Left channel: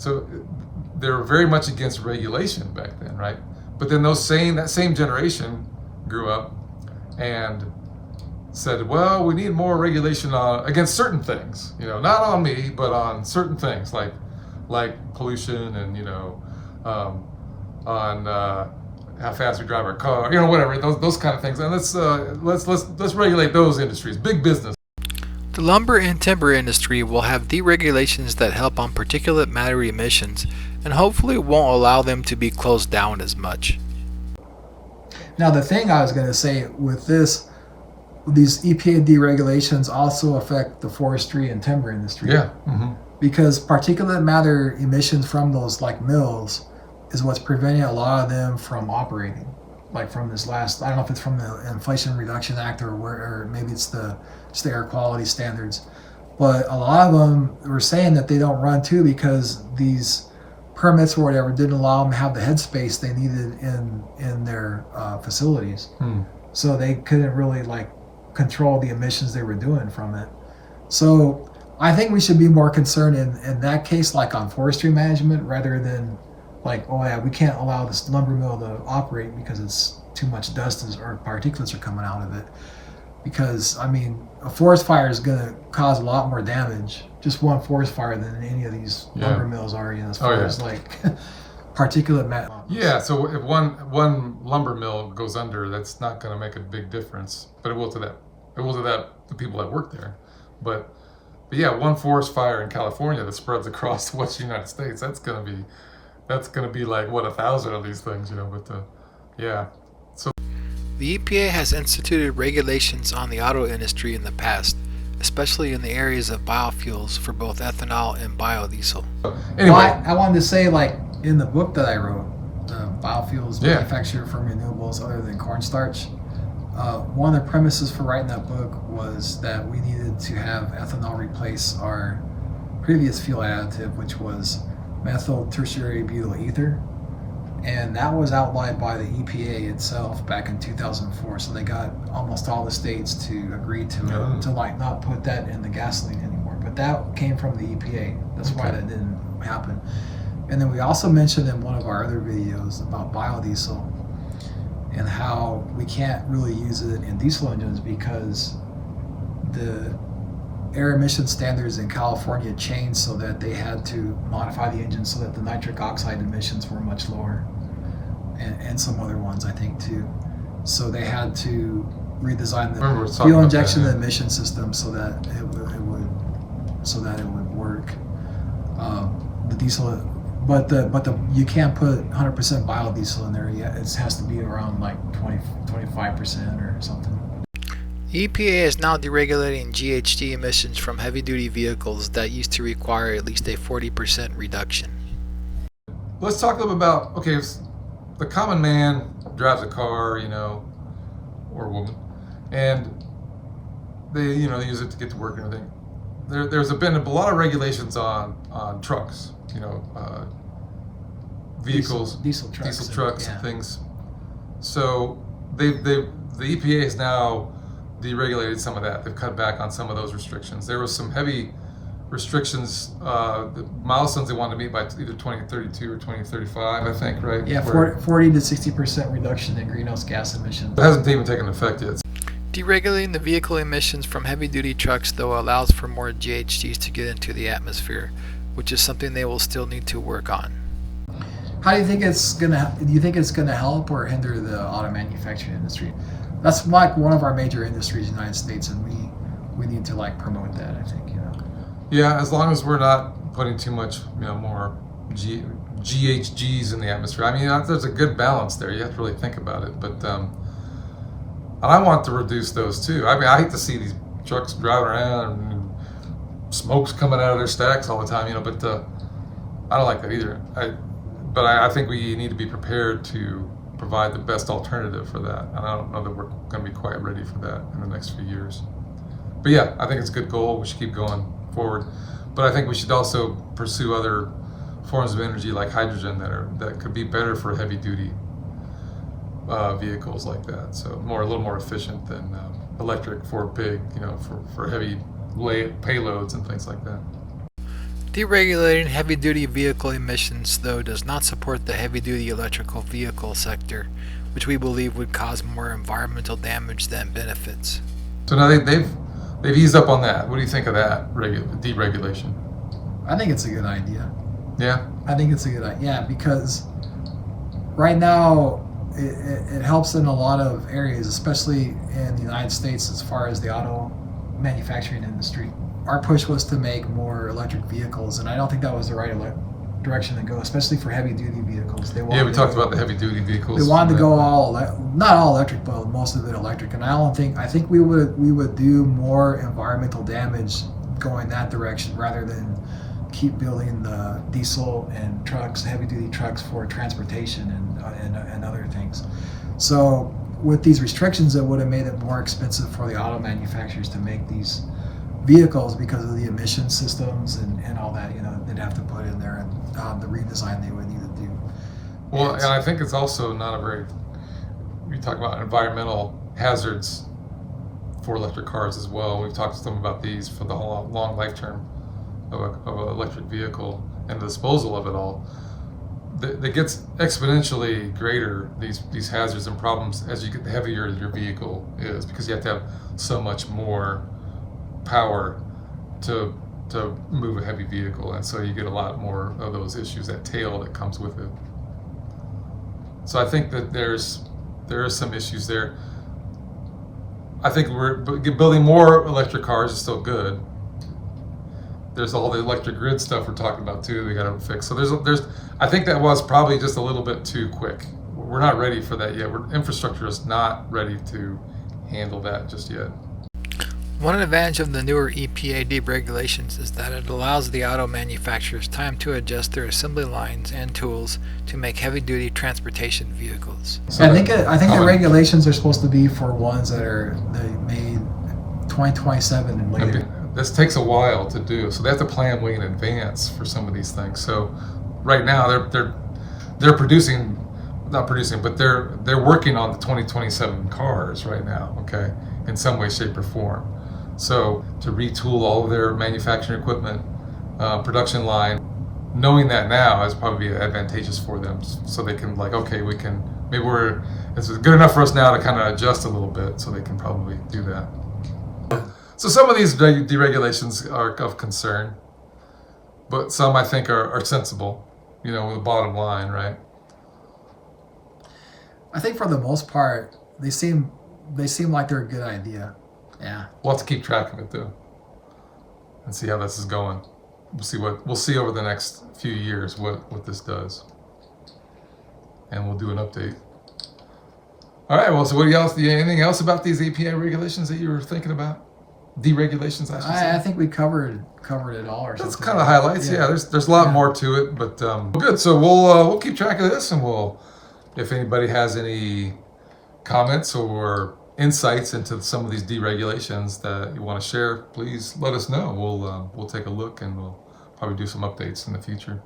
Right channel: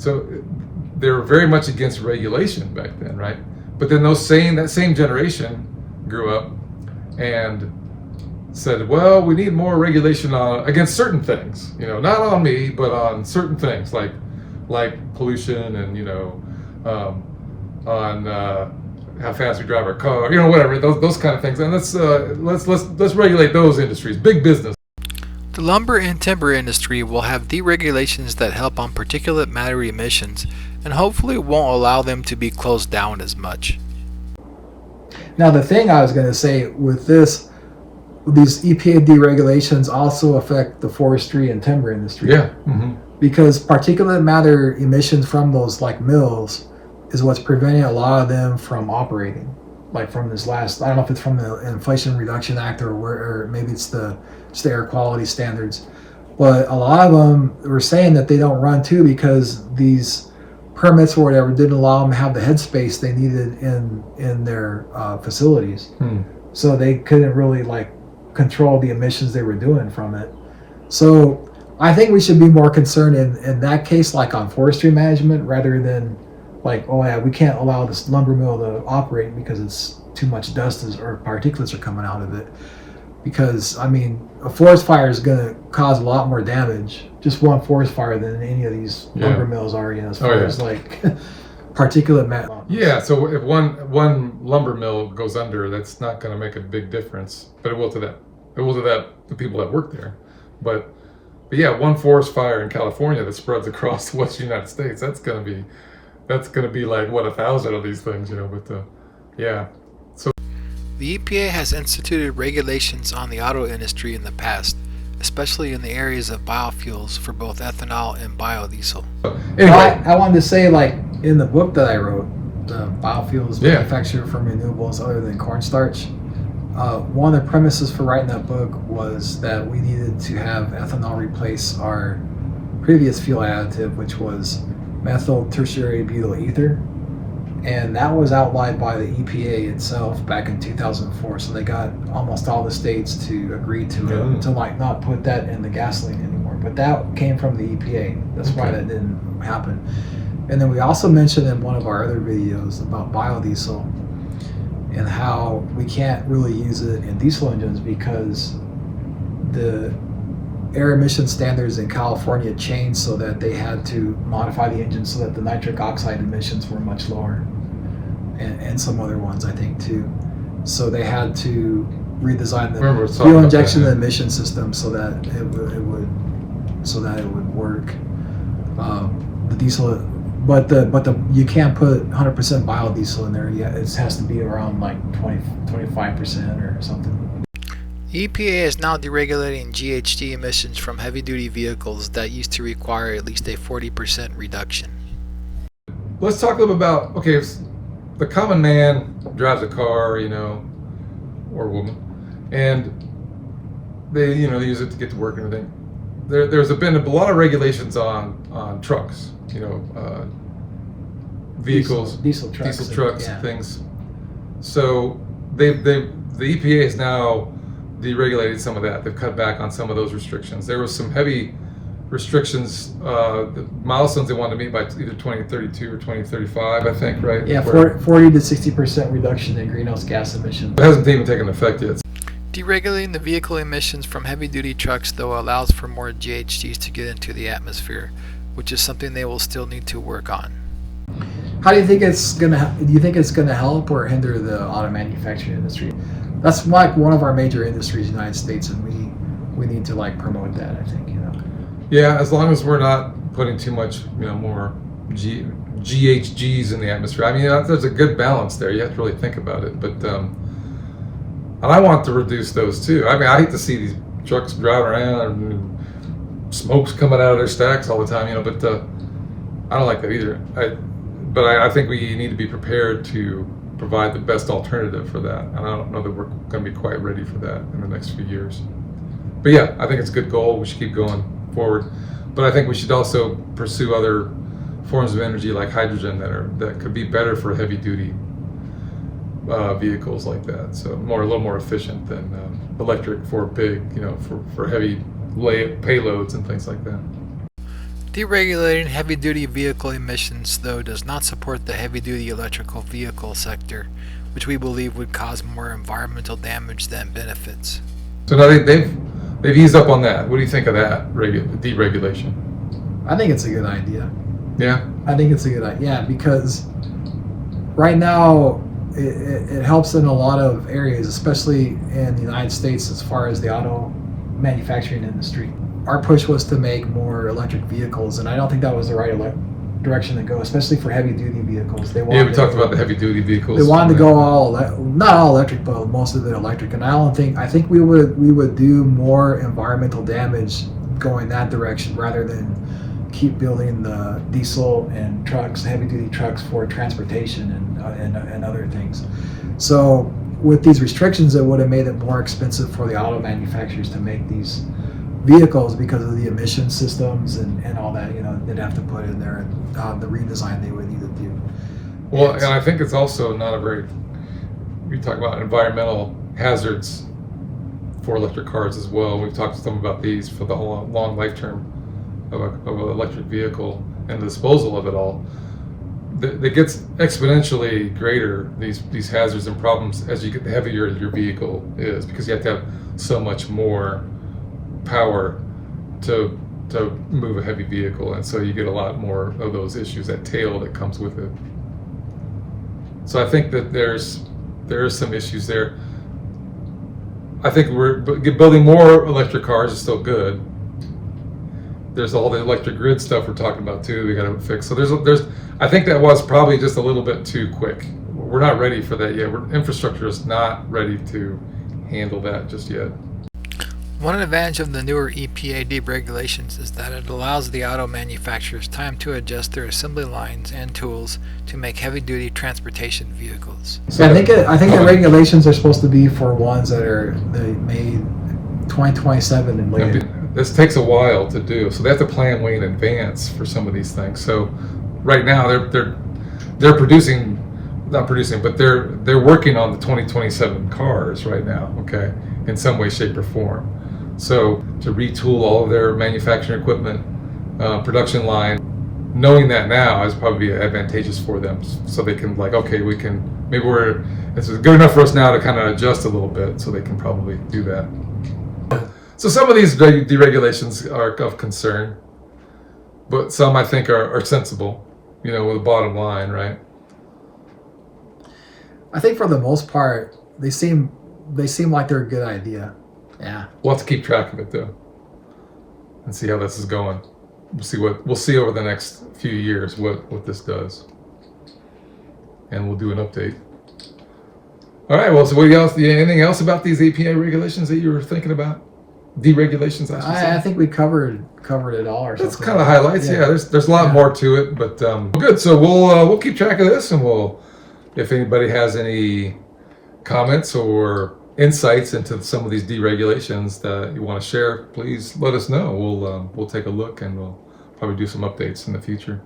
So they were very much against regulation back then, right? But then that same generation grew up and said, well, we need more regulation against certain things, not on me, but on certain things like pollution and, on how fast we drive our car, whatever, those kind of things. And let's regulate those industries, big business. The lumber and timber industry will have deregulations that help on particulate matter emissions and hopefully won't allow them to be closed down as much. Now, the thing I was going to say with these EPA deregulations also affect the forestry and timber industry. Yeah. Mm-hmm. Because particulate matter emissions from those mills is what's preventing a lot of them from operating. From this last, I don't know if it's from the Inflation Reduction Act or maybe it's just the air quality standards, but a lot of them were saying that they don't run too because these permits or whatever didn't allow them to have the headspace they needed in their facilities. So they couldn't really control the emissions they were doing from it. So I think we should be more concerned in that case, on forestry management, rather than oh yeah, we can't allow this lumber mill to operate because it's too much dust or particulates are coming out of it. Because a forest fire is going to cause a lot more damage, just one forest fire, than any of these lumber mills are, as far as particulate matter. Yeah, so if one lumber mill goes under, that's not going to make a big difference, but it will to the people that work there. But yeah, one forest fire in California that spreads across the western United States, that's going to be 1,000 of these things, but yeah. So the EPA has instituted regulations on the auto industry in the past, especially in the areas of biofuels for both ethanol and biodiesel. Anyway, I wanted to say, in the book that I wrote, the biofuels manufactured from renewables other than cornstarch, one of the premises for writing that book was that we needed to have ethanol replace our previous fuel additive, which was methyl tertiary butyl ether, and that was outlawed by the EPA itself back in 2004. So they got almost all the states to agree to it, to not put that in the gasoline anymore. But that came from the EPA. That's why that didn't happen. And then we also mentioned in one of our other videos about biodiesel and how we can't really use it in diesel engines because the air emission standards in California changed so that they had to modify the engine so that the nitric oxide emissions were much lower, and some other ones I think too. So they had to redesign the fuel injection and emission system so that it would work. The diesel, but you can't put 100% biodiesel in there yet. It has to be around 25% or something. EPA is now deregulating GHG emissions from heavy-duty vehicles that used to require at least a 40% reduction. Let's talk a little about, if the common man drives a car, or woman, and they use it to get to work and everything. There's been a lot of regulations on trucks, vehicles, diesel trucks and things. So the EPA is now deregulated some of that. They've cut back on some of those restrictions. There was some heavy restrictions, the milestones they wanted to meet by either 2032 or 2035, I think, right? Yeah, 40 to 60% reduction in greenhouse gas emissions. It hasn't even taken effect yet. Deregulating the vehicle emissions from heavy-duty trucks, though, allows for more GHGs to get into the atmosphere, which is something they will still need to work on. How do you think it's gonna help or hinder the auto manufacturing industry? That's one of our major industries in the United States, and we need to promote that, I think. Yeah, as long as we're not putting too much more GHGs in the atmosphere. There's a good balance there. You have to really think about it, but and I want to reduce those too. I hate to see these trucks driving around and smoke's coming out of their stacks all the time, but I don't like that either. But I think we need to be prepared to provide the best alternative for that. And I don't know that we're going to be quite ready for that in the next few years. But yeah, I think it's a good goal. We should keep going forward. But I think we should also pursue other forms of energy like hydrogen that could be better for heavy duty vehicles like that. So a little more efficient than electric for big, for heavy payloads and things like that. Deregulating heavy-duty vehicle emissions, though, does not support the heavy-duty electrical vehicle sector, which we believe would cause more environmental damage than benefits. So now they've eased up on that. What do you think of that deregulation? I think it's a good idea. Yeah. I think it's a good idea. Yeah, because right now it helps in a lot of areas, especially in the United States, as far as the auto manufacturing industry. Our push was to make more electric vehicles, and I don't think that was the right direction to go, especially for heavy-duty vehicles. We talked about the heavy-duty vehicles. They wanted to go not all electric, but most of it electric. And I think we would do more environmental damage going that direction rather than keep building the diesel and trucks, heavy-duty trucks for transportation and other things. So with these restrictions, it would have made it more expensive for the auto manufacturers to make these vehicles because of the emission systems and all that, they'd have to put in there, and the redesign they would need to do. Well, and I think it's also not we talk about environmental hazards for electric cars as well. We've talked to them about these for the whole long life term of an electric vehicle and the disposal of it all. That gets exponentially greater, these hazards and problems, as you get the heavier your vehicle is, because you have to have so much more power to move a heavy vehicle, and so you get a lot more of those issues, that tail that comes with it. So I think that there are some issues there. I think we're building more electric cars is still good. There's all the electric grid stuff we're talking about too. We got to fix. So there's I think that was probably just a little bit too quick. We're not ready for that yet. Infrastructure is not ready to handle that just yet. One advantage of the newer EPA deregulations is that it allows the auto manufacturers time to adjust their assembly lines and tools to make heavy-duty transportation vehicles. So I think the regulations are supposed to be for ones that are made 2027 and later. This takes a while to do, so they have to plan way in advance for some of these things. So right now they're not producing, but they're working on the 2027 cars right now. Okay, in some way, shape, or form. So to retool all of their manufacturing equipment, production line, knowing that now is probably advantageous for them, so they can it's good enough for us now to kind of adjust a little bit, so they can probably do that. So some of these deregulations are of concern, but some I think are sensible, with a bottom line, right? I think for the most part, they seem like they're a good idea. Yeah. We'll have to keep track of it though, and see how this is going. We'll see over the next few years what this does, and we'll do an update. All right. Well, so anything else about these EPA regulations that you were thinking about? Deregulations, I should say. I think we covered it all, or something. That's kind of highlights. Yeah. There's a lot more to it, but good. So we'll keep track of this, and if anybody has any comments or insights into some of these deregulations that you want to share, please let us know. We'll take a look, and we'll probably do some updates in the future.